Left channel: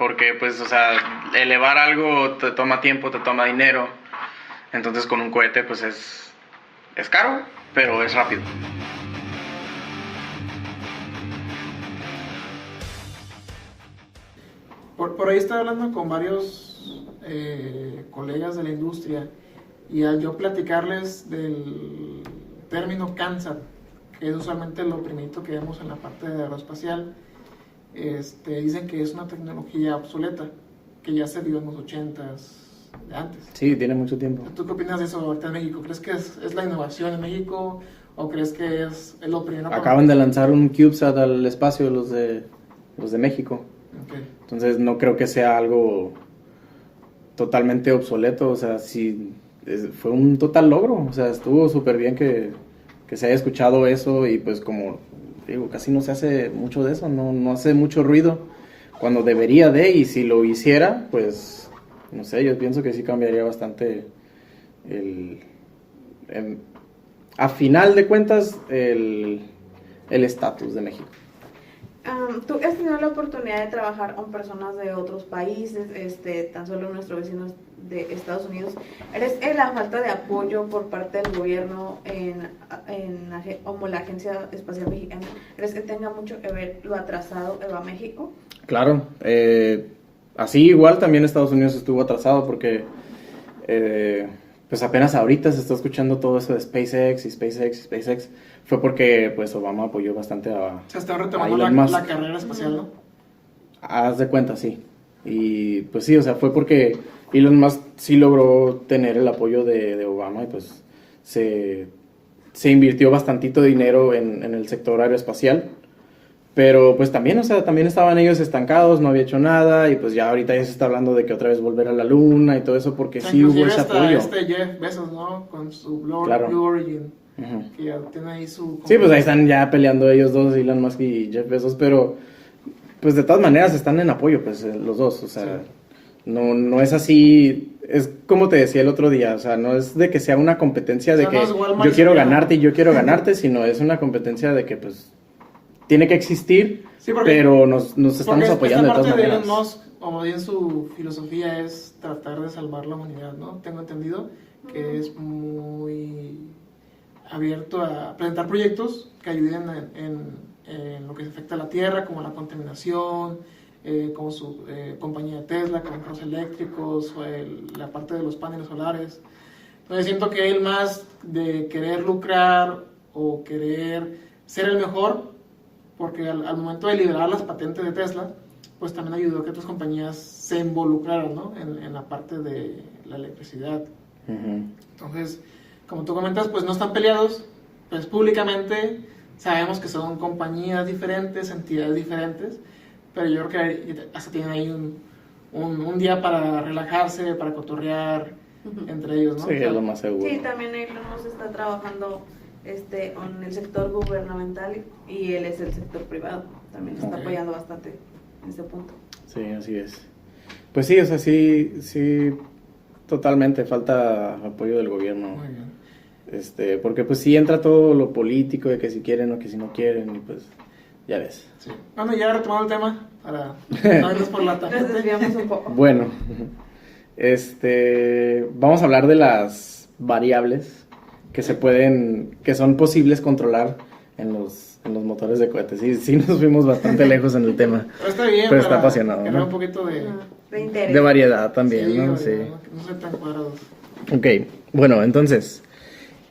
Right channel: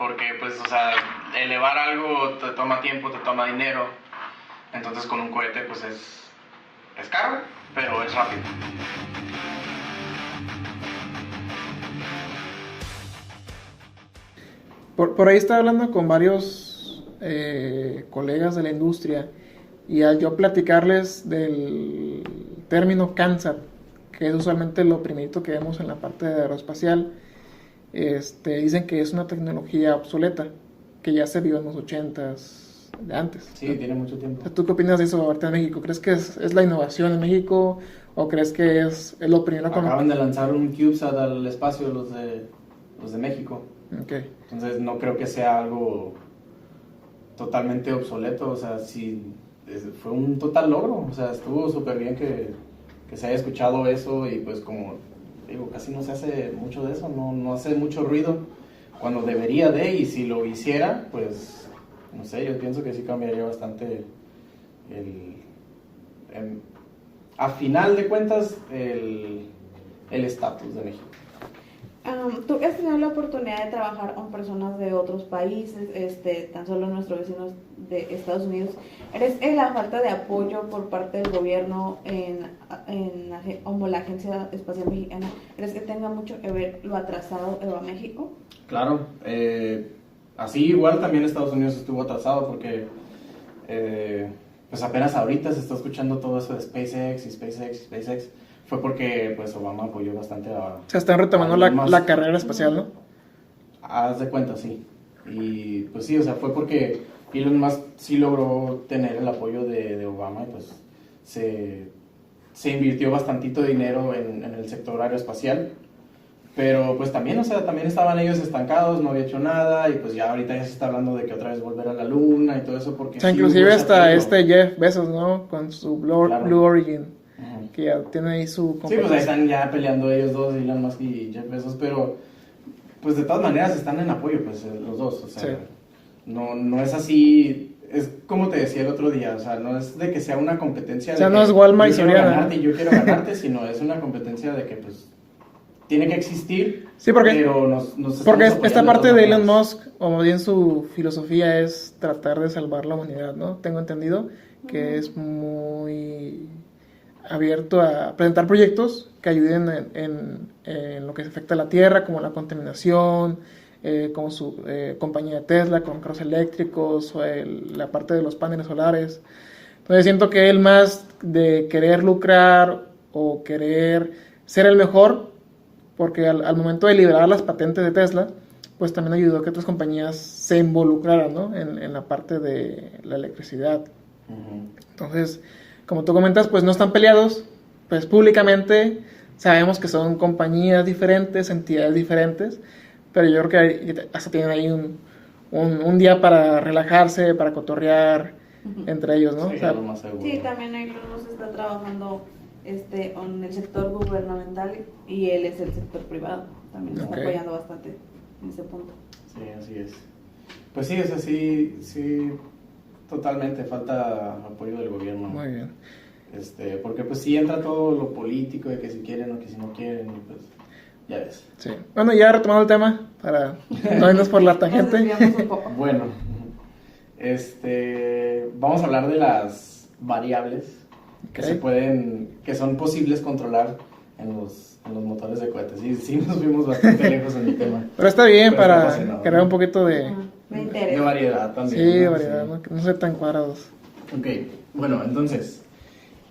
porque pues, o sea, elevar algo te toma tiempo, te toma dinero, entonces con un cohete pues es caro, pero es rápido. Por ahí estaba hablando con varios colegas de la industria y al yo platicarles del término CANSAT, que es usualmente lo primerito que vemos en la parte de aeroespacial, dicen que es una tecnología obsoleta, que ya se vio en los 80s de antes. Sí, tiene mucho tiempo. ¿Tú qué opinas de eso ahorita en México? ¿Crees que es la innovación en México o crees que es lo primero? Acaban de lanzar un CubeSat al espacio los de México. Okay. Entonces no creo que sea algo totalmente obsoleto, o sea, sí, fue un total logro, o sea, estuvo súper bien que se haya escuchado eso y pues como digo, casi no se hace mucho de eso, no hace mucho ruido cuando debería de, y si lo hiciera, pues, no sé, yo pienso que sí cambiaría bastante a final de cuentas, el estatus de México. ¿Tú has tenido la oportunidad de trabajar con personas de otros países, tan solo nuestros vecinos de Estados Unidos? ¿Eres en la falta de apoyo por parte del gobierno como la Agencia Espacial Mexicana? ¿Crees que tenga mucho que ver lo atrasado a México? Claro, así igual también Estados Unidos estuvo atrasado porque pues apenas ahorita se está escuchando todo eso de SpaceX. Fue porque pues Obama apoyó bastante a... Se están retomando la carrera espacial, ¿no? Haz de cuenta, sí. Y pues sí, o sea, fue porque Elon Musk sí logró tener el apoyo de Obama y pues se invirtió bastantito dinero en el sector aeroespacial. Pero pues también, o sea, también estaban ellos estancados, no había hecho nada y pues ya ahorita ya se está hablando de que otra vez volver a la luna y todo eso porque o sea, sí inclusive hasta Jeff Bezos, ¿no? Con su Blue Origin. Uh-huh. Que ya tiene ahí su... Sí, pues ahí están ya peleando ellos dos, Elon Musk y Jeff Bezos, pero pues de todas maneras están en apoyo, pues los dos, o sea, sí. no es así, es como te decía el otro día, o sea, no es de que sea una competencia de que no es Walmart, yo quiero ganarte y yo quiero ganarte, sino es una competencia de que pues tiene que existir, sí, pero nos estamos apoyando. Porque esta parte de Elon Musk, o bien su filosofía es tratar de salvar la humanidad, ¿no? Tengo entendido que es muy abierto a presentar proyectos que ayuden en lo que afecta a la Tierra, como la contaminación, como su compañía de Tesla, con carros eléctricos, o la parte de los paneles solares. Entonces siento que él más de querer lucrar o querer ser el mejor, porque al momento de liberar las patentes de Tesla, pues también ayudó a que otras compañías se involucraran, ¿no? en la parte de la electricidad. Uh-huh. Entonces, como tú comentas, pues no están peleados, pues públicamente sabemos que son compañías diferentes, entidades diferentes, pero yo creo que hasta tienen ahí un día para relajarse, para cotorrear entre ellos, ¿no? Sí, o sea, lo más seguro. Sí, también Elon Musk está trabajando en el sector gubernamental y él es el sector privado, también está apoyando bastante en ese punto. Sí, así es. Pues sí, o sea, sí, totalmente falta apoyo del gobierno. Muy bien. Porque pues sí entra todo lo político de que si quieren o que si no quieren y pues ya ves. Sí. Bueno, ya retomando el tema para no irnos por la tangente. Bueno, vamos a hablar de las variables que que son posibles controlar en los motores de cohetes. Sí nos fuimos bastante lejos en el tema. Pero está bien para crear un poquito de interés. De variedad también. Sí, de variedad, no ser tan cuadrados. Ok, bueno, entonces,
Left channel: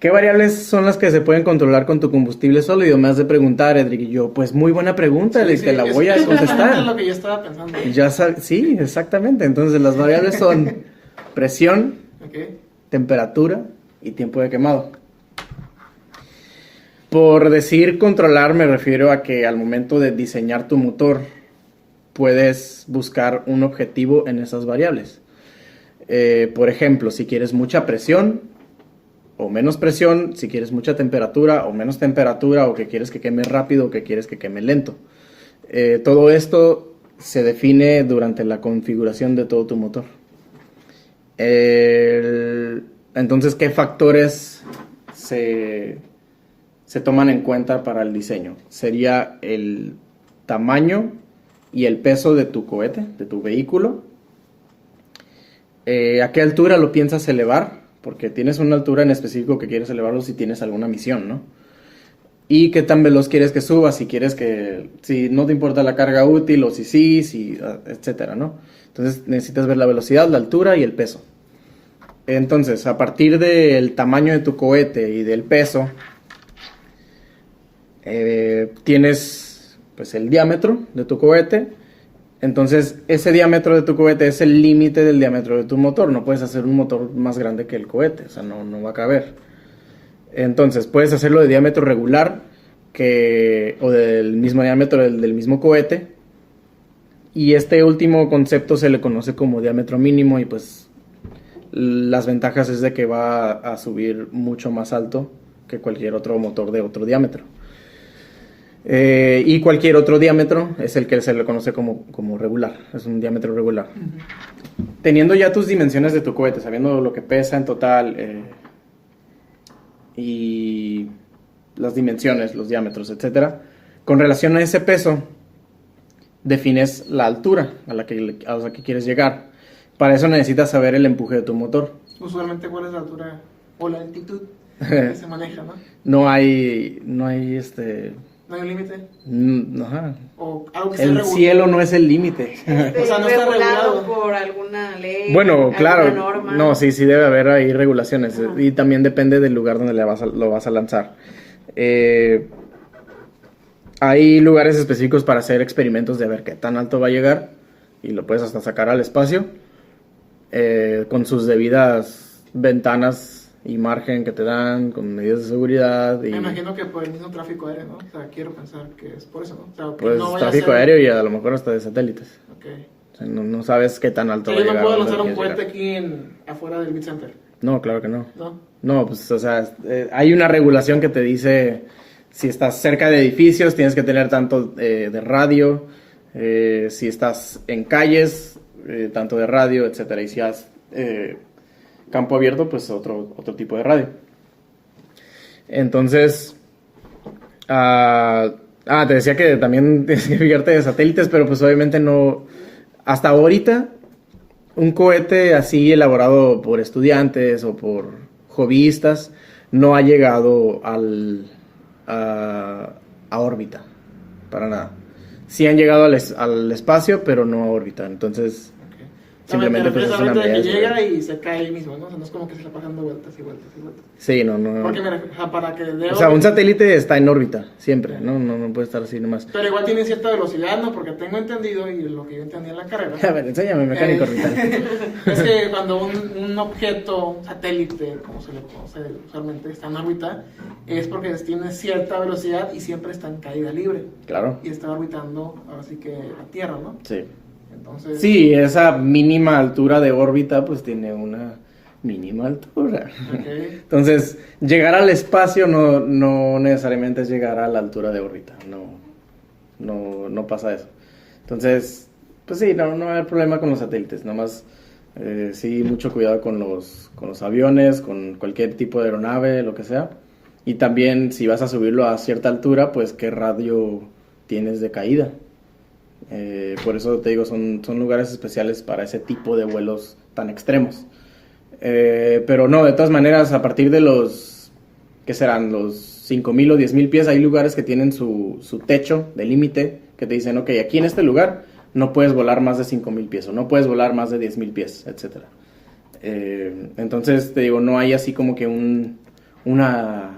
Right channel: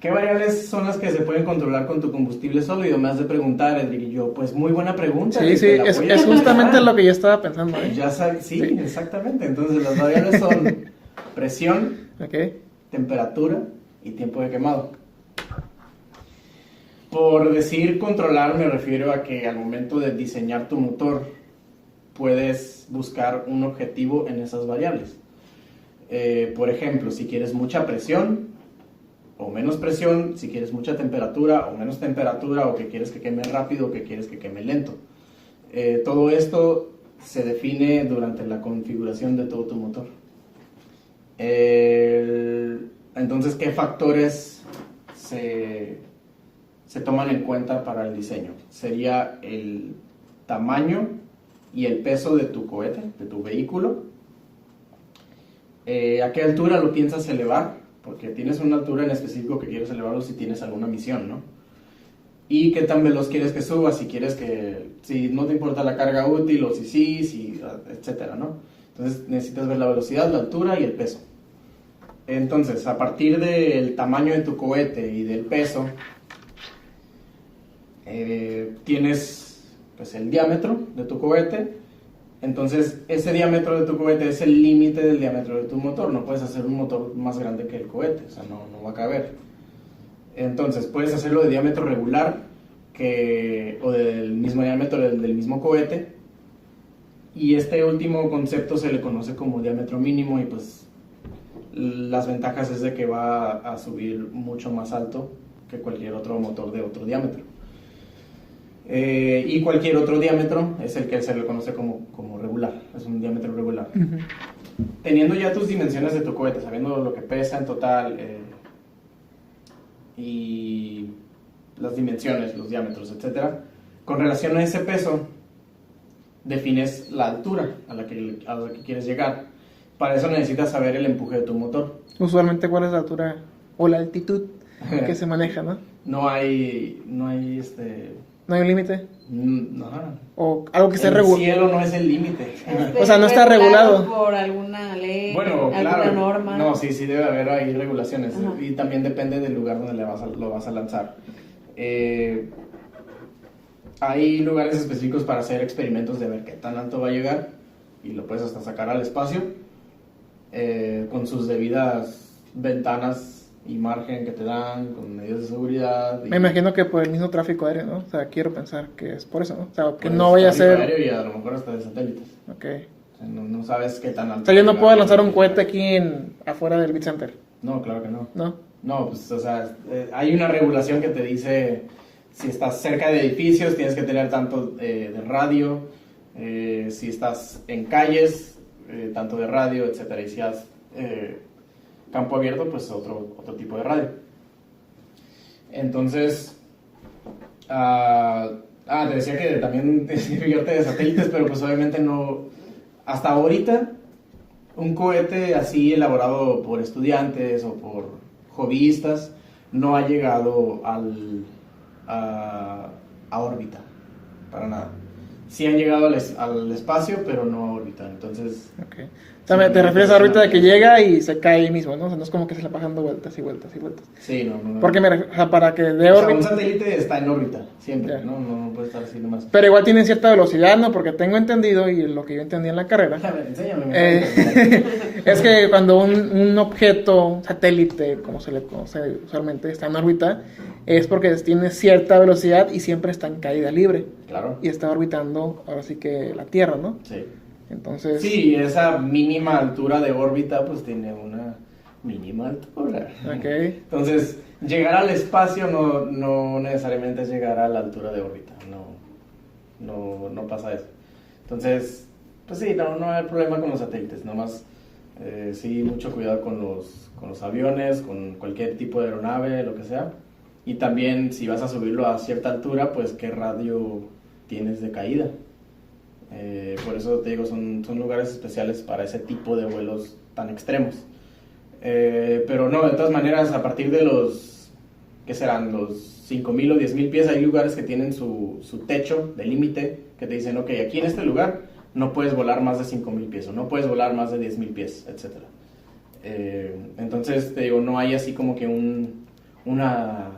¿qué variables son las que se pueden controlar con tu combustible sólido? Me has de preguntar, Edric, y yo, pues muy buena pregunta, sí, te la voy a contestar. Es justamente lo que yo estaba pensando. Sí, exactamente. Entonces, las variables son presión, temperatura y tiempo de quemado. Por decir controlar, me refiero a que al momento de diseñar tu motor, puedes buscar un objetivo en esas variables. Por ejemplo, si quieres mucha presión o menos presión, si quieres mucha temperatura o menos temperatura, o que quieres que queme rápido o que quieres que queme lento. Todo esto se define durante la configuración de todo tu motor. Entonces, ¿qué factores se toman en cuenta para el diseño? Sería el tamaño y el peso de tu cohete, de tu vehículo. ¿A qué altura lo piensas elevar? Porque tienes una altura en específico que quieres elevarlo si tienes alguna misión, ¿no? Y qué tan veloz quieres que suba, si no te importa la carga útil o si etcétera, ¿no? Entonces necesitas ver la velocidad, la altura y el peso. Entonces, a partir del tamaño de tu cohete y del peso, tienes pues el diámetro de tu cohete. Entonces, ese diámetro de tu cohete es el límite del diámetro de tu motor. No puedes hacer un motor más grande que el cohete, o sea, no va a caber. Entonces, puedes hacerlo de diámetro regular o del mismo diámetro del mismo cohete. Y este último concepto se le conoce como diámetro mínimo y pues las ventajas es de que va a subir mucho más alto que cualquier otro motor de otro diámetro. Y cualquier otro diámetro es el que se le conoce como regular, es un diámetro regular. Uh-huh. Teniendo ya tus dimensiones de tu cohete, sabiendo lo que pesa en total y las dimensiones, los diámetros, etcétera, con relación a ese peso, defines la altura a la que quieres llegar. Para eso necesitas saber el empuje de tu motor. Usualmente, ¿cuál es la altura o la altitud que se maneja, no? No hay ¿No hay un límite? Ajá. O algo que sea regulado. El cielo no es el límite. O sea, no está regulado por alguna ley. Bueno, claro. Alguna norma. No, sí debe haber ahí regulaciones. Ajá. Y también depende del lugar donde lo vas a lanzar. Hay lugares específicos para hacer experimentos de ver qué tan alto va a llegar. Y lo puedes hasta sacar al espacio. Con sus debidas ventanas y margen que te dan, con medidas de seguridad. Me imagino que por el mismo tráfico aéreo, ¿no? O sea, quiero pensar que es por eso, ¿no? O sea, que pues no vaya a ser... tráfico aéreo y a lo mejor hasta de satélites. Ok. O sea, no sabes qué tan alto. O sea, yo no puedo lanzar un cohete aquí afuera del Beat Center. No, claro que no. ¿No? No, pues, o sea, hay una regulación que te dice si estás cerca de edificios, tienes que tener tanto de radio, si estás en calles, tanto de radio, etcétera. Y si has campo abierto, pues otro tipo de radio. Entonces, te decía que también tienes que fijarte de satélites, pero pues obviamente no, hasta ahorita, un cohete así elaborado por estudiantes o por hobbyistas no ha llegado a órbita, para nada. Sí han llegado al espacio, pero no a órbita, entonces... Okay. O sea, te refieres a órbita de que llega y se cae ahí mismo, ¿no? O sea, no es como que se la pasan dando vueltas y vueltas y vueltas. Sí, no. Porque, o sea, para que... O sea, un satélite está en órbita, siempre, ¿no? No puede estar así nomás. Pero igual tiene cierta velocidad, ¿no? Porque tengo entendido, y lo que yo entendí en la carrera... A ver, enséñame. Es que cuando un objeto, satélite, como se le conoce usualmente, está en órbita, es porque tiene cierta velocidad y siempre está en caída libre. Claro. Y está orbitando, ahora sí que la Tierra, ¿no? Sí. Entonces... Sí, esa mínima altura de órbita pues tiene una mínima altura. Okay. Entonces, llegar al espacio no necesariamente es llegar a la altura de órbita. No pasa eso. Entonces, pues sí, no hay problema con los satélites. Nada más, sí, mucho cuidado con los aviones, con cualquier tipo de aeronave, lo que sea. Y también, si vas a subirlo a cierta altura, pues qué radio tienes de caída. Por eso te digo, son lugares especiales para ese tipo de vuelos tan extremos. Pero no, de todas maneras, a partir de los, ¿qué serán? Los 5,000 o 10,000 pies, hay lugares que tienen su techo de límite, que te dicen, ok, aquí en este lugar no puedes volar más de 5,000 pies, o no puedes volar más de 10,000 pies, etc. Entonces, te digo, no hay así como que una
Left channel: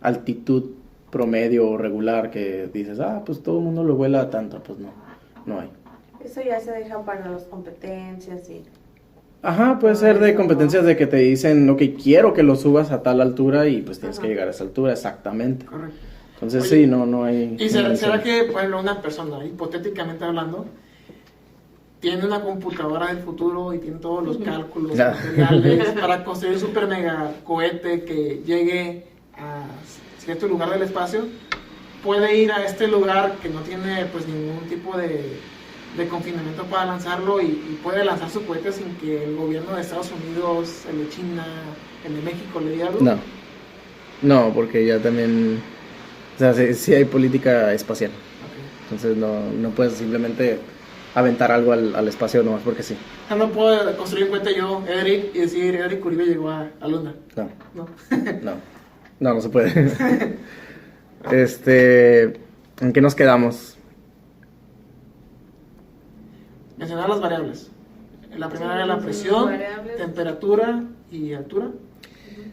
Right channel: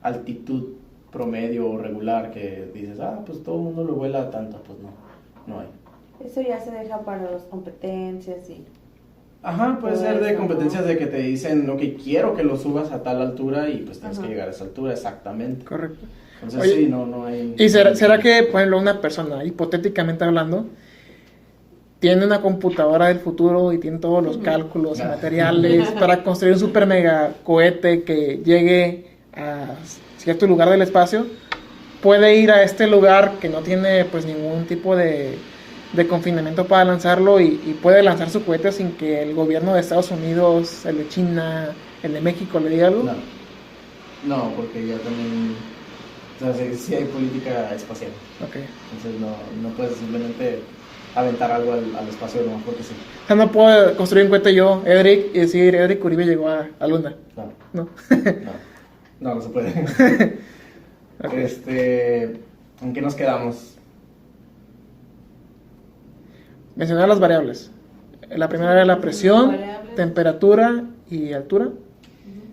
altitud promedio o regular que dices, pues todo el mundo lo vuela tanto, pues no hay. Eso ya se deja para las competencias y... Ajá, puede ser de competencias de que te dicen, ok, quiero que lo subas a tal altura y pues tienes que llegar a esa altura, exactamente. Correcto. Entonces Oye, sí, no hay... ¿Y será que, por ejemplo, una persona, hipotéticamente hablando, tiene una computadora del futuro y tiene todos los cálculos materiales para construir un super mega cohete que llegue a cierto lugar del espacio? Puede ir a este lugar que no tiene pues ningún tipo de confinamiento para lanzarlo y puede lanzar su cohete sin que el gobierno de Estados Unidos, el de China, el de México le diga algo. No, porque ya también O sea, sí hay política espacial. Ok. Entonces no puedes simplemente aventar algo al espacio nomás porque sí. O sea, no puedo construir un cohete yo, Edric, y decir, Edric Uribe llegó a Luna. No, ¿No? no se puede. ¿En qué nos quedamos? Mencionar las variables. La primera era la presión, Variables. temperatura y altura.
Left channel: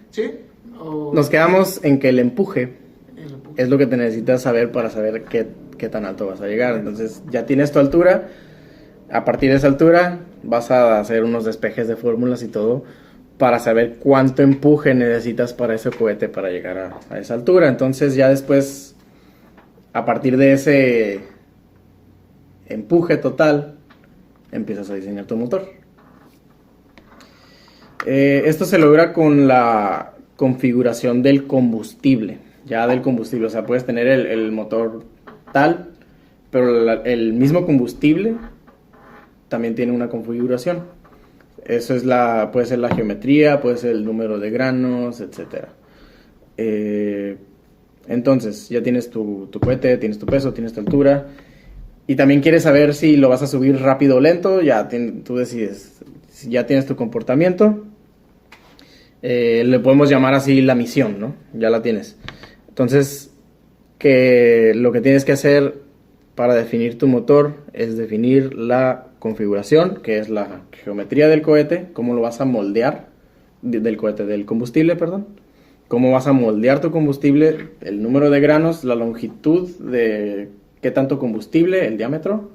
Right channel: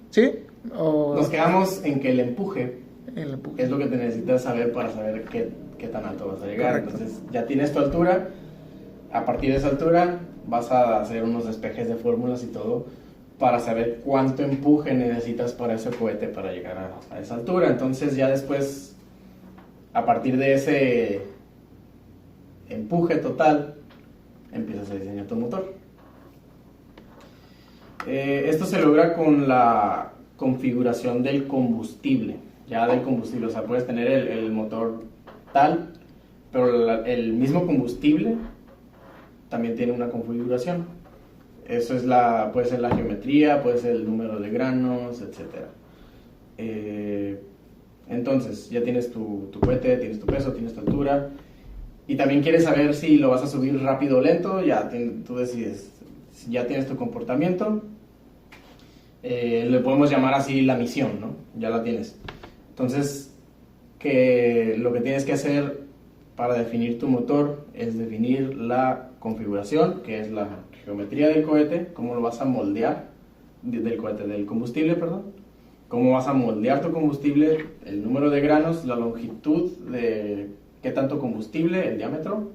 ¿Sí? O Nos quedamos en que el empuje el empuje. es lo que te necesitas saber para saber qué tan alto vas a llegar. Correcto. Entonces ya tienes tu altura. A partir de esa altura vas a hacer unos despejes de fórmulas y todo para saber cuánto empuje necesitas para ese cohete para llegar a esa altura. Entonces ya después, a partir de ese empuje total, empiezas a diseñar tu motor. Esto se logra con la configuración del combustible. Ya del combustible, o sea, puedes tener el motor tal, pero el mismo combustible también tiene una configuración. Eso es puede ser la geometría, puede ser el número de granos, etc. Entonces, ya tienes tu cohete, tienes tu peso, tienes tu altura. Y también quieres saber si lo vas a subir rápido o lento. Tú decides. Si ya tienes tu comportamiento, le podemos llamar así la misión, ¿no? Ya la tienes. Entonces, lo que tienes que hacer para definir tu motor es definir la configuración, que es la geometría del cohete, cómo lo vas a moldear, del combustible, perdón. Cómo vas a moldear tu combustible, el número de granos, la longitud de qué tanto combustible, el diámetro,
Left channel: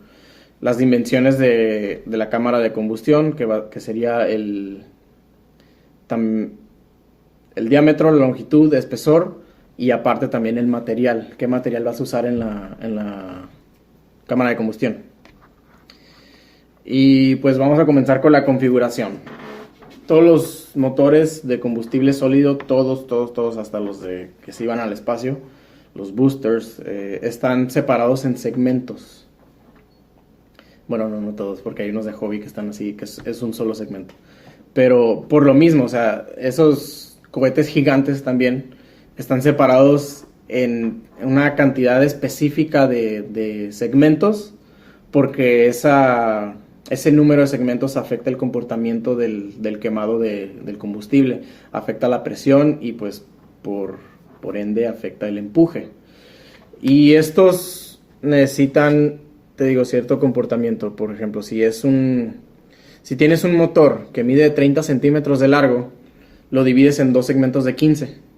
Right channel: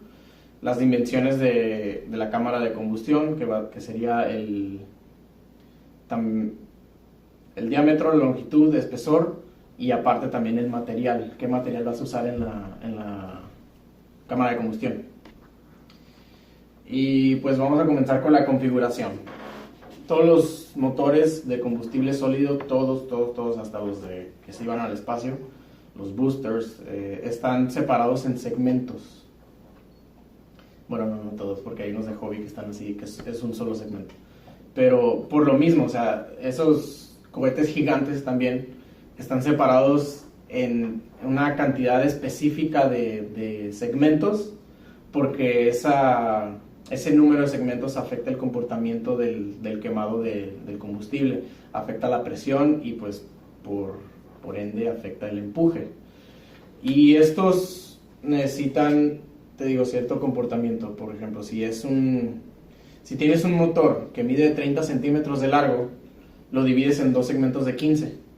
las dimensiones de la cámara de combustión, que sería el diámetro, la longitud, espesor, y aparte también el material, qué material vas a usar en la cámara de combustión. Y pues vamos a comenzar con la configuración. Todos los motores de combustible sólido, todos, hasta los que se iban al espacio, los boosters, están separados en segmentos. Bueno, no todos, porque hay unos de hobby que están así, que es un solo segmento. Pero por lo mismo, o sea, esos cohetes gigantes también están separados en una cantidad específica de segmentos, porque ese número de segmentos afecta el comportamiento del quemado del combustible, afecta la presión y pues por ende afecta el empuje. Y estos necesitan, te digo, cierto comportamiento. Por ejemplo, si tienes un motor que mide 30 centímetros de largo, lo divides en dos segmentos de 15.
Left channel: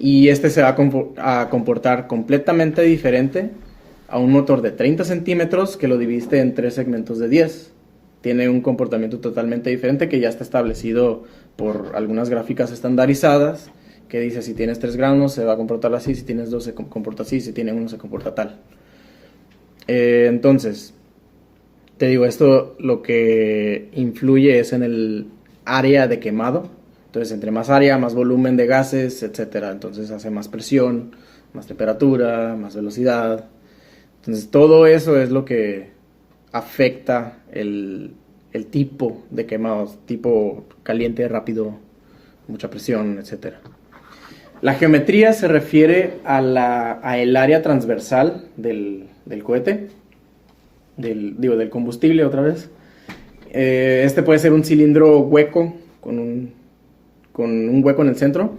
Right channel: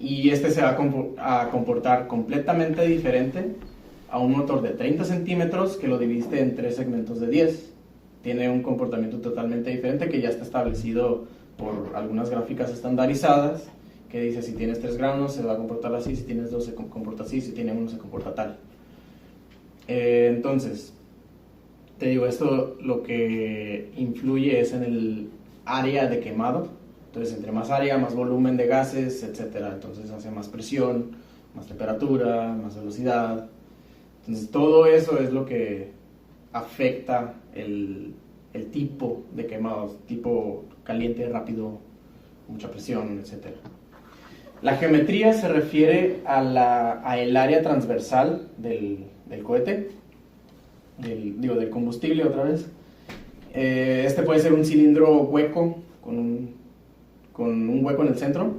Y este se va a comportar completamente diferente a un motor de 30 centímetros que lo dividiste en tres segmentos de 10. Tiene un comportamiento totalmente diferente que ya está establecido por algunas gráficas estandarizadas, que dice si tienes 3 granos se va a comportar así, si tienes 2 se comporta así, si tienes 1 se comporta tal. Entonces, te digo, esto lo que influye es en el área de quemado. Entonces, entre más área, más volumen de gases, etc. Entonces hace más presión, más temperatura, más velocidad. Entonces, todo eso es lo que afecta el tipo de quemados, tipo caliente, rápido, mucha presión, etc. La geometría se refiere a el área transversal del cohete, del combustible otra vez. Este puede ser un cilindro hueco con un hueco en el centro.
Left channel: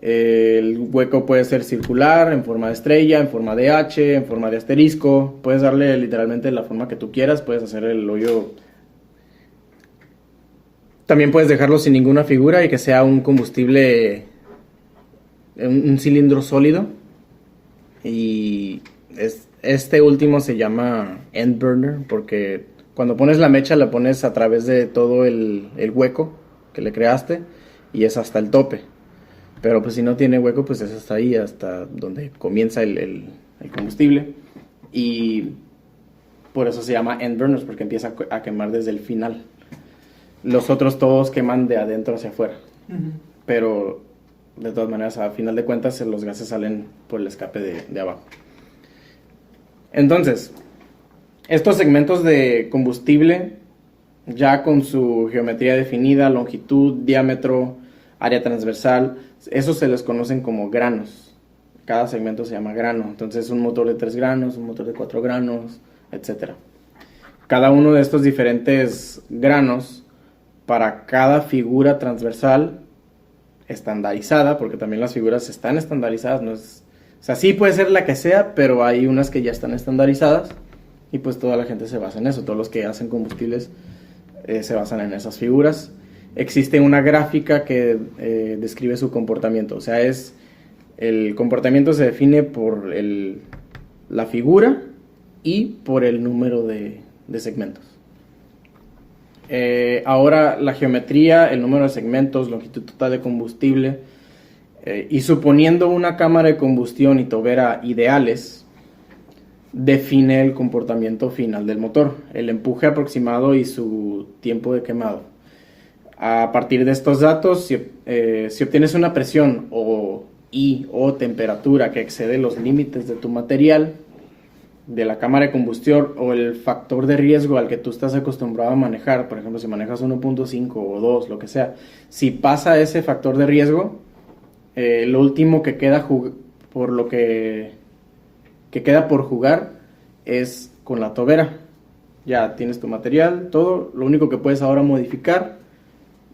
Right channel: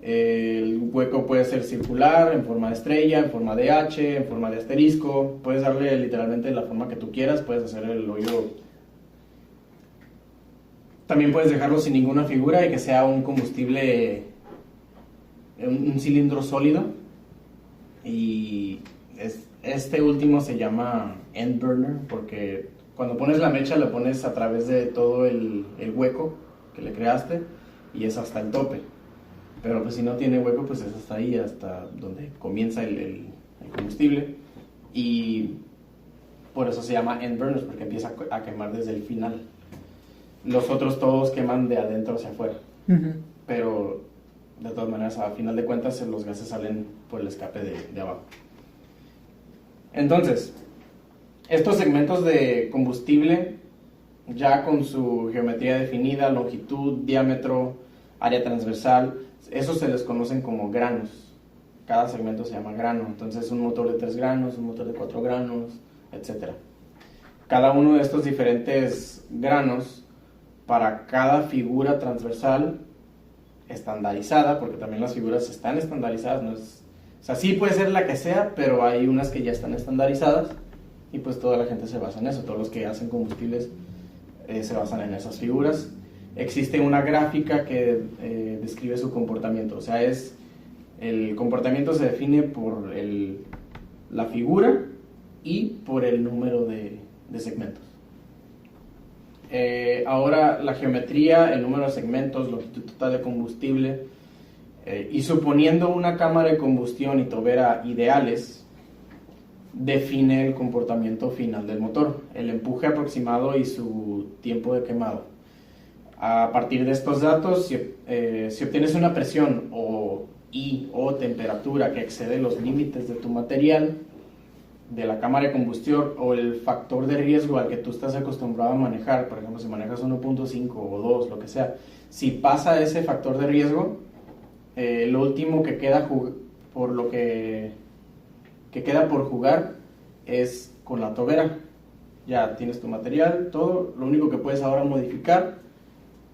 El hueco puede ser circular, en forma de estrella, en forma de H, en forma de asterisco. Puedes darle literalmente la forma que tú quieras. Puedes hacer el hoyo. También puedes dejarlo sin ninguna figura y que sea un combustible, un cilindro sólido. Y este último se llama end burner porque cuando pones la mecha la pones a través de todo el hueco que le creaste y es hasta el tope. Pero pues si no tiene hueco, pues es hasta ahí, hasta donde comienza el combustible. Y por eso se llama end burners, porque empieza a quemar desde el final. Los otros todos queman de adentro hacia afuera. Uh-huh. Pero de todas maneras, a final de cuentas, los gases salen por el escape de abajo. Entonces, estos segmentos de combustible, ya con su geometría definida, longitud, diámetro, área transversal, esos se les conocen como granos. Cada segmento se llama grano. Entonces un motor de 3 granos, un motor de 4 granos, etc. Cada uno de estos diferentes granos, para cada figura transversal estandarizada, porque también las figuras están estandarizadas, no es, o sea, sí puede ser la que sea, pero hay unas que ya están estandarizadas y pues toda la gente se basa en eso, todos los que hacen combustibles se basan en esas figuras. Existe una gráfica que describe su comportamiento, o sea, el comportamiento se define por la figura y por el número de segmentos. Ahora la geometría, el número de segmentos, longitud total de combustible, y suponiendo una cámara de combustión y tobera ideales, define el comportamiento final del motor, el empuje aproximado y su tiempo de quemado. A partir de estos datos, si obtienes una presión o temperatura que excede los límites de tu material, de la cámara de combustión, o el factor de riesgo al que tú estás acostumbrado a manejar, por ejemplo, si manejas 1.5 o 2, lo que sea, si pasa ese factor de riesgo, lo último que queda queda por jugar es con la tobera. Ya tienes tu material, todo, lo único que puedes ahora modificar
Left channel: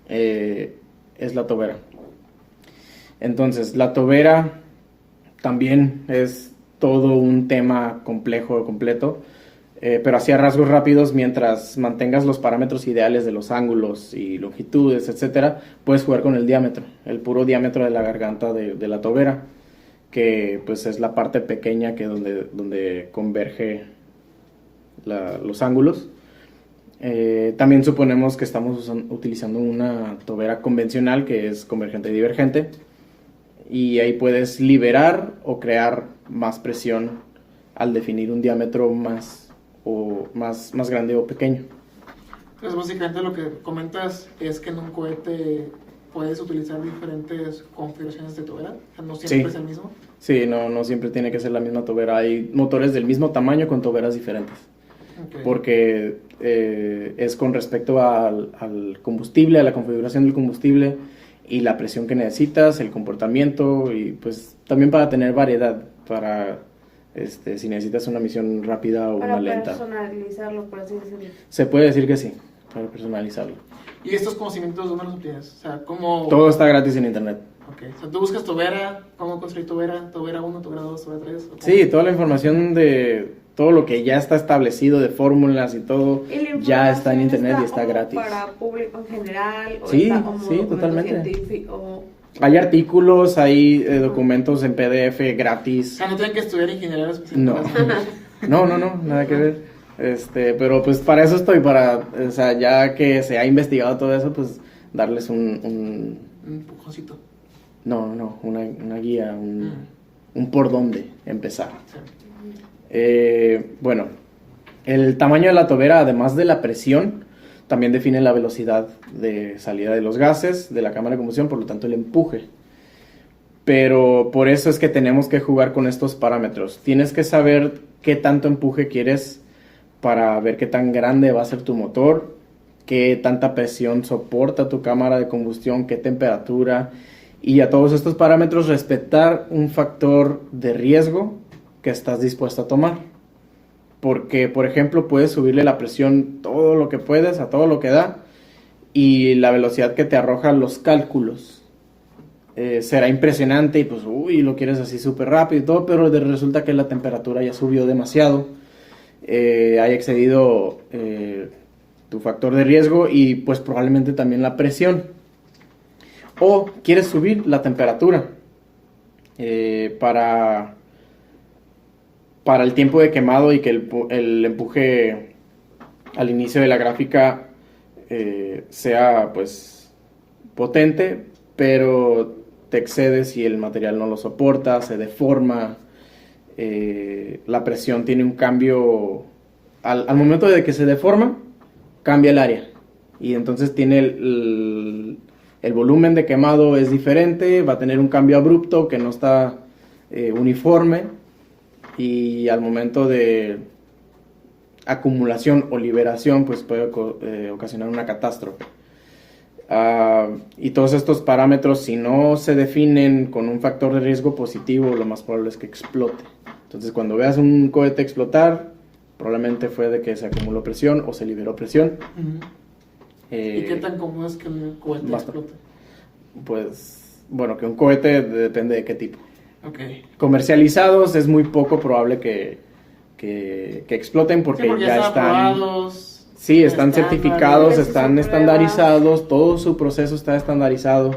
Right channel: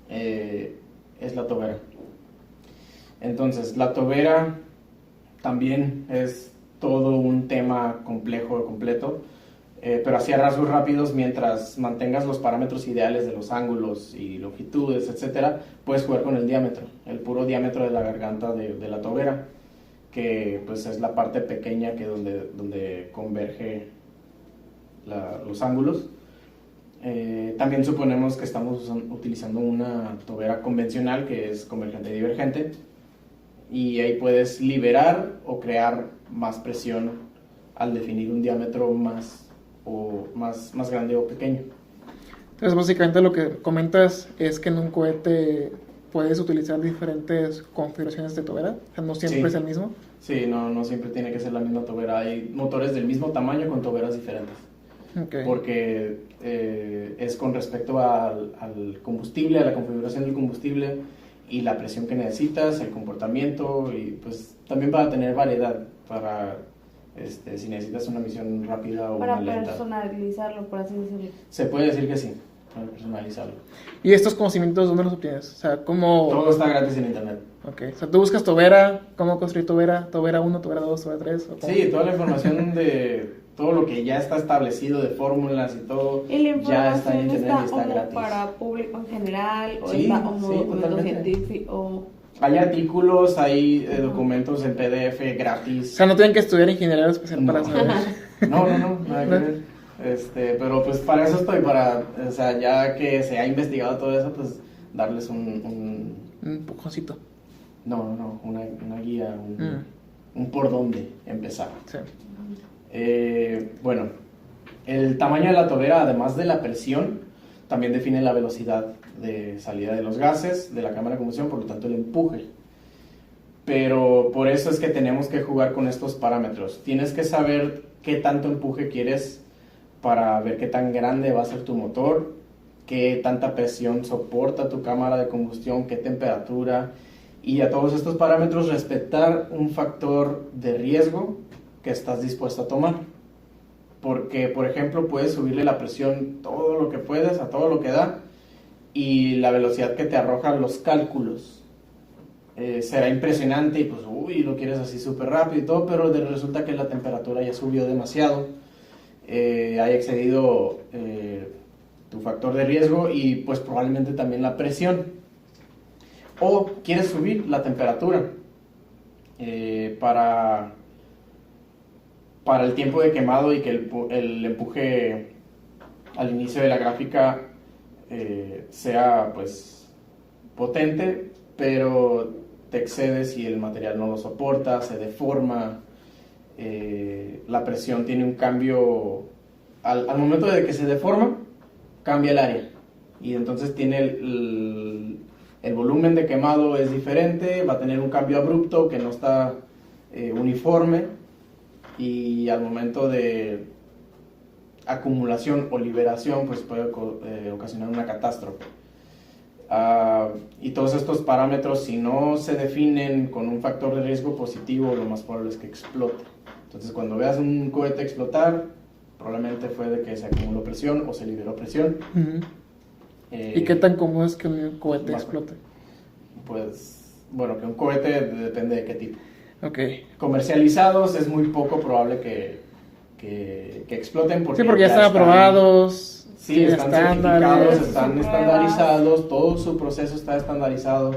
es la tobera. Entonces, la tobera también es todo un tema complejo, completo, pero así a rasgos rápidos, mientras mantengas los parámetros ideales de los ángulos y longitudes, etcétera, puedes jugar con el diámetro, el puro diámetro de la garganta de la tobera, que pues es la parte pequeña que donde converge los ángulos. También suponemos que estamos utilizando una tobera convencional que es convergente y divergente, y ahí puedes liberar o crear más presión al definir un diámetro más grande o pequeño. Entonces básicamente lo que comentas es que en un cohete puedes utilizar diferentes configuraciones de tobera, o sea, no siempre es el mismo. Sí, no siempre tiene que ser la misma tobera, hay motores del mismo tamaño con toberas diferentes. Okay. Porque es con respecto al combustible, a la configuración del combustible y la presión que necesitas, el comportamiento, y pues también para tener variedad, para si necesitas una misión rápida o para una lenta. Para personalizarlo, por así decirlo. Se puede decir que sí, para personalizarlo. ¿Y estos conocimientos dónde los obtienes? O sea, ¿cómo...? Todo está gratis en internet. Ok, o sea, tú buscas tobera, cómo construir tobera 1, tobera 2, tobera 3. Sí, toda la información de todo lo que ya está establecido de fórmulas y todo, ya está en internet y está gratis. ¿Para público en general? ¿O sí, está como totalmente. Científico? Hay artículos, hay documentos en PDF gratis. O sea, no tienen que estudiar ingeniería especial para eso. No, nada que ver. Pero pues para eso estoy, o sea, ya que se ha investigado todo eso, pues darles un empujoncito. No, una guía, un por dónde empezar. Sí. Bueno, el tamaño de la tobera, además de la presión, también define la velocidad de salida de los gases de la cámara de combustión, por lo tanto el empuje. Pero por eso es que tenemos que jugar con estos parámetros. Tienes que saber qué tanto empuje quieres para ver qué tan grande va a ser tu motor, qué tanta presión soporta tu cámara de combustión, qué temperatura, y a todos estos parámetros respetar un factor de riesgo que estás dispuesto a tomar. Porque, por ejemplo, puedes subirle la presión todo lo que puedes, a todo lo que da, y la velocidad que te arrojan los cálculos será impresionante, y pues, lo quieres así súper rápido y todo, pero resulta que la temperatura ya subió demasiado, haya excedido tu factor de riesgo, y pues probablemente también la presión. O quieres subir la temperatura para el tiempo de quemado, y que el empuje al inicio de la gráfica sea pues potente, pero te excedes y el material no lo soporta, se deforma, la presión tiene un cambio, al momento de que se deforma, cambia el área, y entonces tiene el volumen de quemado es diferente, va a tener un cambio abrupto que no está uniforme, y al momento de acumulación o liberación pues puede ocasionar una catástrofe. Y todos estos parámetros, si no se definen con un factor de riesgo positivo, lo más probable es que explote. Entonces, cuando veas un cohete explotar, probablemente fue de que se acumuló presión o se liberó presión. ¿Y qué tan común es que el cohete más- explote? Pues, bueno, que un cohete depende de qué tipo. Ok. Comercializados es muy poco probable que exploten porque, Sí, porque ya están aprobados. Sí, están estándares. certificados, sus están pruebas. estandarizados, todo su proceso está estandarizado,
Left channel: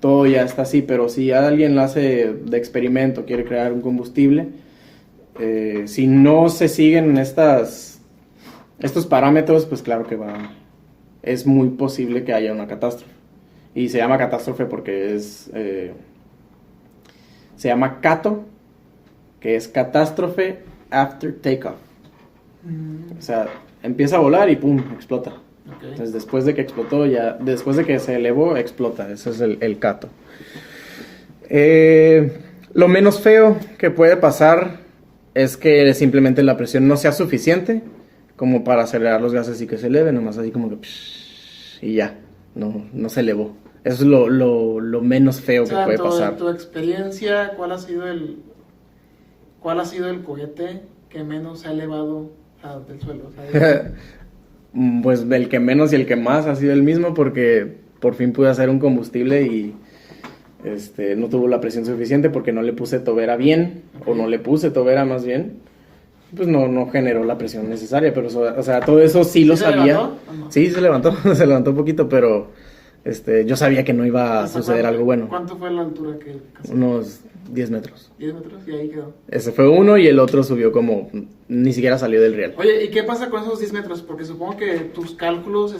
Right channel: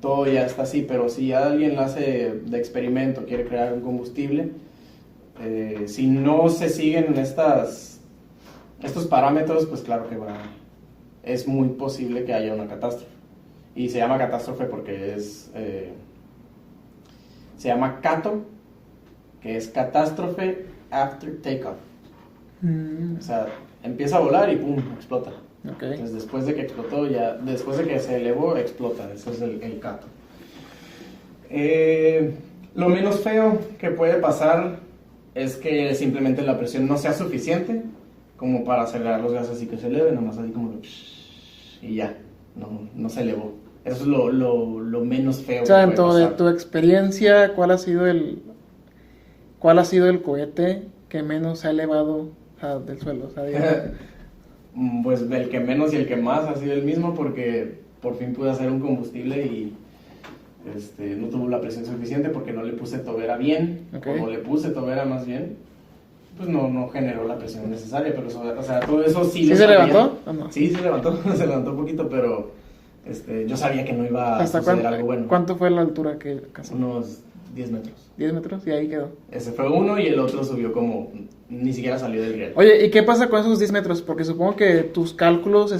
todo ya está así, pero si alguien lo hace de experimento, quiere crear un combustible, si no se siguen estos parámetros, pues claro que es muy posible que haya una catástrofe. Y se llama catástrofe porque se llama CATO, que es catástrofe after takeoff. O sea, empieza a volar y pum, explota. Ok. Entonces, después de que explotó, después de que se elevó, explota. Ese es el CATO. Lo menos feo que puede pasar es que simplemente la presión no sea suficiente como para acelerar los gases y que se eleven, nomás así como que y ya, no se elevó. Eso es lo menos feo O sea, que en puede pasar. tu experiencia, ¿cuál ha sido el cohete que menos se ha elevado del suelo? O sea, digamos, Pues el que menos y el que más ha sido el mismo porque por fin pude hacer un combustible y no tuvo la presión suficiente porque no le puse tobera bien, Ok. o no le puse tobera más bien, pues no generó la presión necesaria, pero o sea, todo eso sí lo se sabía. levantó o no? Sí, se levantó, se levantó un poquito, pero yo sabía que no iba a ¿Hasta suceder algo bueno. ¿Cuánto fue la altura que alcanzó? Unos 10 metros. 10 metros y ahí quedó. Ese fue uno y el otro subió como, ni siquiera salió del riel. Oye, ¿y qué pasa con esos 10 metros? Porque supongo que tus cálculos se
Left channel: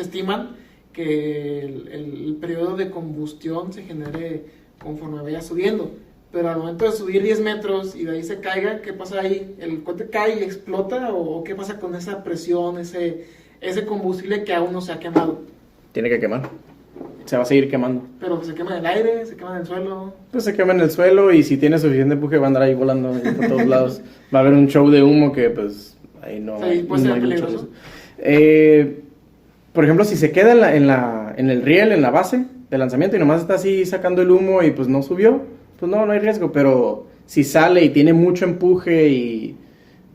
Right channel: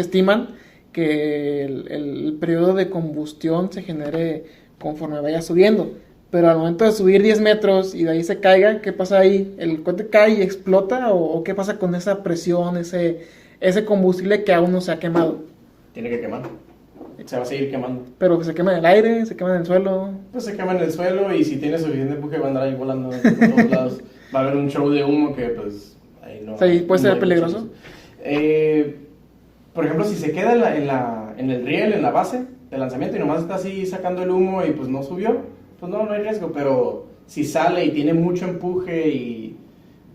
estiman que el periodo de combustión se genere conforme vaya subiendo. Pero al momento de subir 10 metros y de ahí se caiga, ¿qué pasa ahí? ¿El cohete cae y explota? ¿O qué pasa con esa presión, ese combustible que aún no se ha quemado? Tiene que quemar. Se va a seguir quemando. Pero se quema en el aire, se quema en el suelo. Pues se quema en el suelo y si tiene suficiente empuje va a andar ahí volando por todos lados. Va a haber un show de humo que pues ahí no... O sea, ¿y puede no ser hay peligroso? mucho. Por ejemplo, si se queda en el riel, en la base de lanzamiento y nomás está así sacando el humo y pues no subió, pues no hay riesgo. Pero si sale y tiene mucho empuje y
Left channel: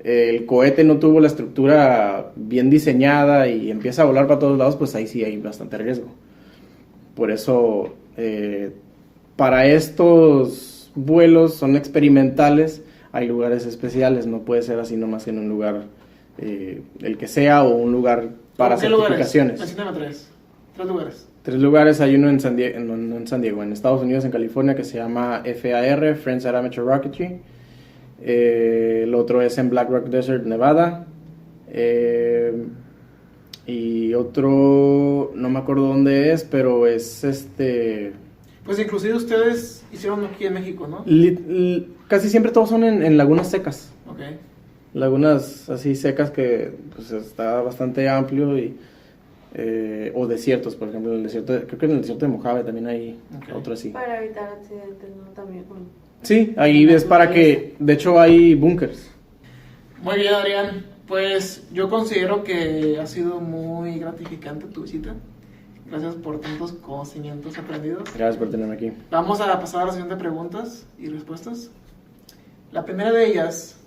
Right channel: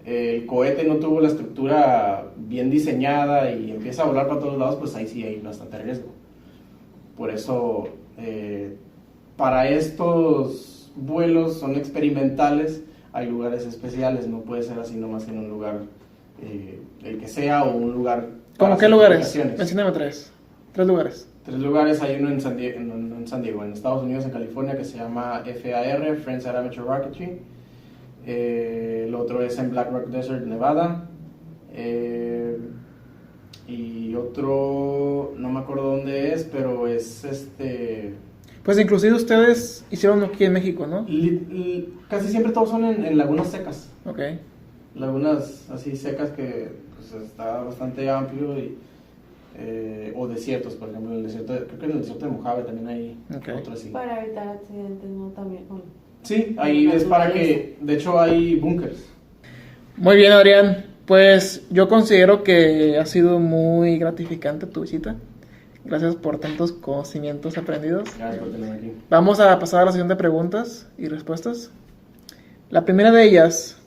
el cohete no tuvo la estructura bien diseñada y empieza a volar para todos lados, pues ahí sí hay bastante riesgo. Por eso, para estos vuelos son experimentales, hay lugares especiales, no puede ser así nomás en un lugar, el que sea, o un lugar para ¿Cómo qué lugares? certificaciones. Mencióname tres lugares. 3 lugares, hay uno en San Diego, no en San Diego, en Estados Unidos, en California, que se llama FAR, Friends at Amateur Rocketry. El otro es en Black Rock Desert, Nevada. Y otro, no me acuerdo dónde es, pero es Pues inclusive ustedes hicieron aquí en México, ¿no? casi siempre todos son en lagunas secas. Ok. Lagunas así secas que pues está bastante amplio o desiertos, por ejemplo, creo que en el desierto de Mojave también hay Ok. otro así. Para evitar accidentes, ¿no? También con... Sí, ahí es para que, de hecho hay búnkers. Muy bien, Adrián. Pues yo considero que ha sido muy gratificante tu visita. Gracias por tantos conocimientos aprendidos. Gracias por tenerme aquí. Vamos a pasar a la sesión de preguntas y respuestas. La primera de ellas,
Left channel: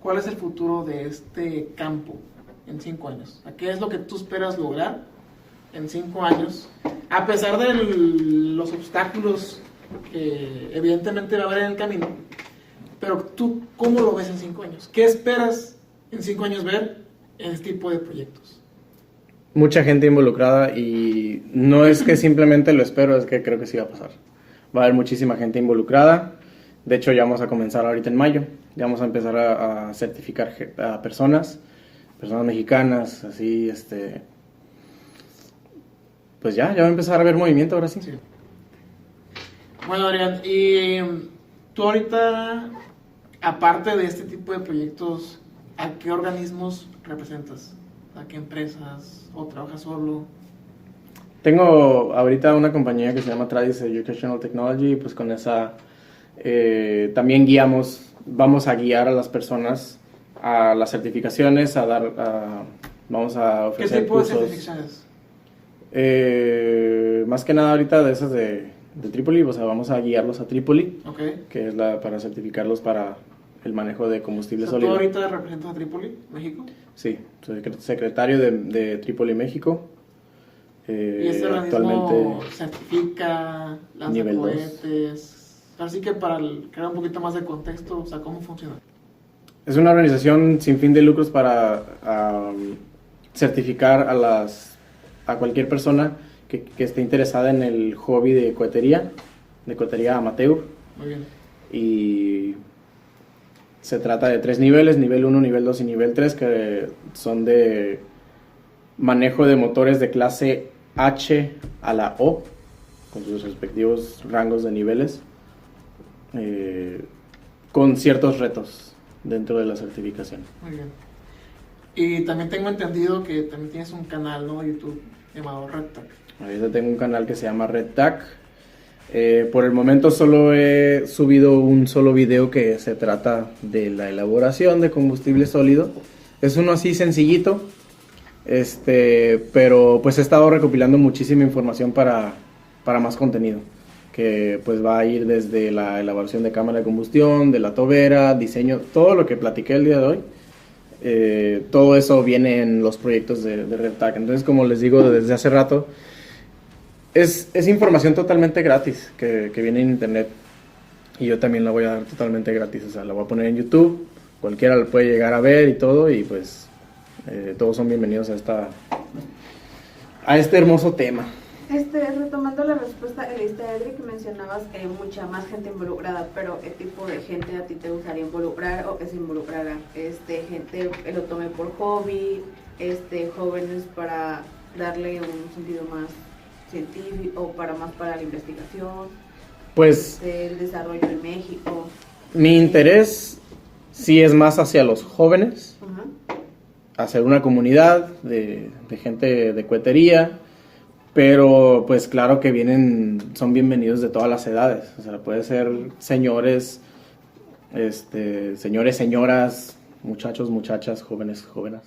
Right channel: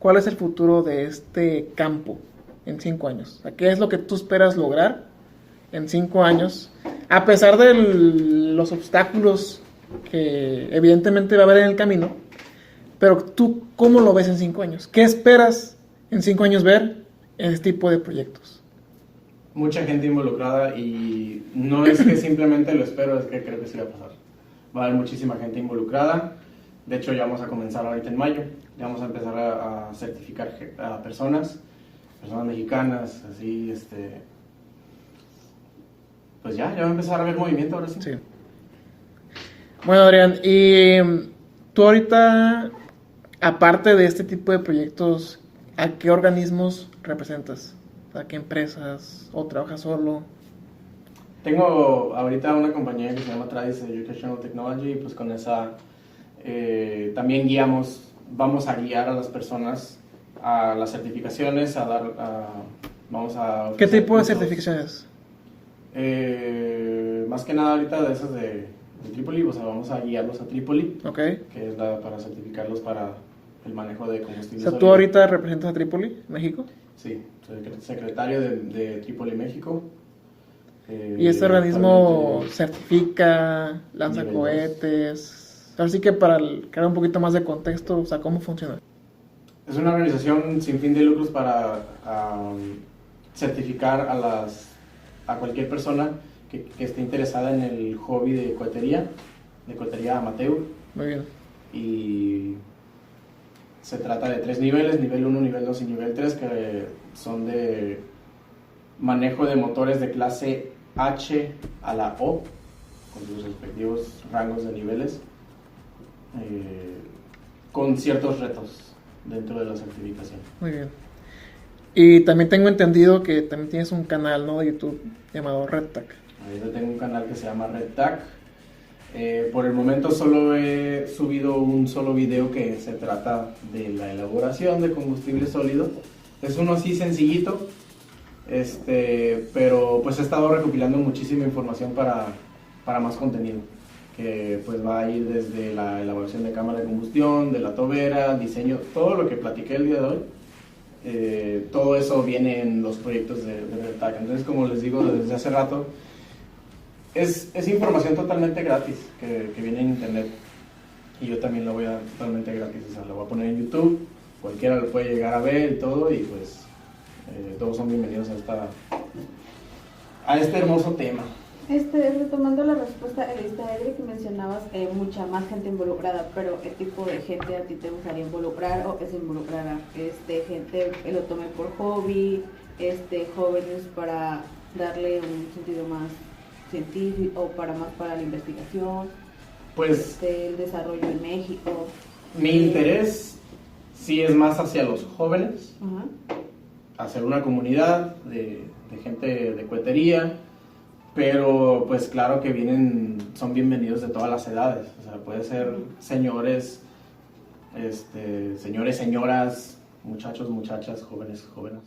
¿cuál es el futuro de este campo en 5 años? O sea, ¿qué es lo que tú esperas lograr en 5 años? A pesar de los obstáculos que evidentemente va a haber en el camino, pero tú, ¿cómo lo ves en 5 años? ¿Qué esperas en 5 años ver en este tipo de proyectos? Mucha gente involucrada y no es que simplemente lo espero, es que creo que sí va a pasar. Va a haber muchísima gente involucrada. De hecho, ya vamos a comenzar ahorita en mayo. Ya vamos a empezar a certificar a personas mexicanas, así, pues ya va a empezar a haber movimiento ahora sí. Sí. Bueno, Adrián, y tú ahorita, aparte de este tipo de proyectos, ¿a qué organismos representas? ¿A qué empresas? ¿O trabajas solo? Tengo ahorita una compañía que se llama Tradis Educational Technology, pues con esa también vamos a guiar a las personas a las certificaciones, vamos a ¿Qué ofrecer tipo de cursos. certificaciones? Más que nada ahorita de esas de Trípoli, o sea, vamos a guiarlos a Trípoli, Ok. que es para certificarlos para el manejo de O combustible sea, ¿tú sólido. ahorita representas a Trípoli, México? Sí, soy secretario de Trípoli, México. Y este organismo Actualmente certifica, lanza nivel cohetes. Así que para crear un poquito más de contexto, o sea, ¿cómo funciona? es una organización sin fin de lucros para certificar a cualquier persona que esté interesada en el hobby de cohetería amateur. Muy bien. Y se trata de 3 niveles, nivel 1, nivel 2 y nivel 3, que son de manejo de motores de clase H a la O, con sus respectivos rangos de niveles, con ciertos retos dentro de la certificación. Muy bien. Y también tengo entendido que también tienes un canal, ¿no?, de YouTube llamado RedTag. Ahorita tengo un canal que se llama RedTag. Por el momento solo he subido un solo video que se trata de la elaboración de combustible sólido. Es uno así sencillito, pero pues he estado recopilando muchísima información para más contenido, que pues va a ir desde la elaboración de cámara de combustión, de la tobera, diseño, todo lo que platiqué el día de hoy. Todo eso viene en los proyectos de RedTag. Entonces, como les digo desde hace rato, es información totalmente gratis que viene en internet, y yo también la voy a dar totalmente gratis. O sea, la voy a poner en YouTube, cualquiera lo puede llegar a ver y todo, y pues todos son bienvenidos a este hermoso tema. Retomando la respuesta que diste, Edric, que mencionabas mucha más gente involucrada, pero ¿qué tipo de gente a ti te gustaría involucrar o que se involucrara? Gente que lo tome por hobby, jóvenes para darle un sentido más científico, para la investigación, Pues el desarrollo en México. mi interés sí es más hacia los jóvenes, Ajá. hacer una comunidad de gente de cohetería, pero pues claro que son bienvenidos de todas las edades. O sea, puede ser señores, señoras, muchachos, muchachas, jóvenes, jóvenes.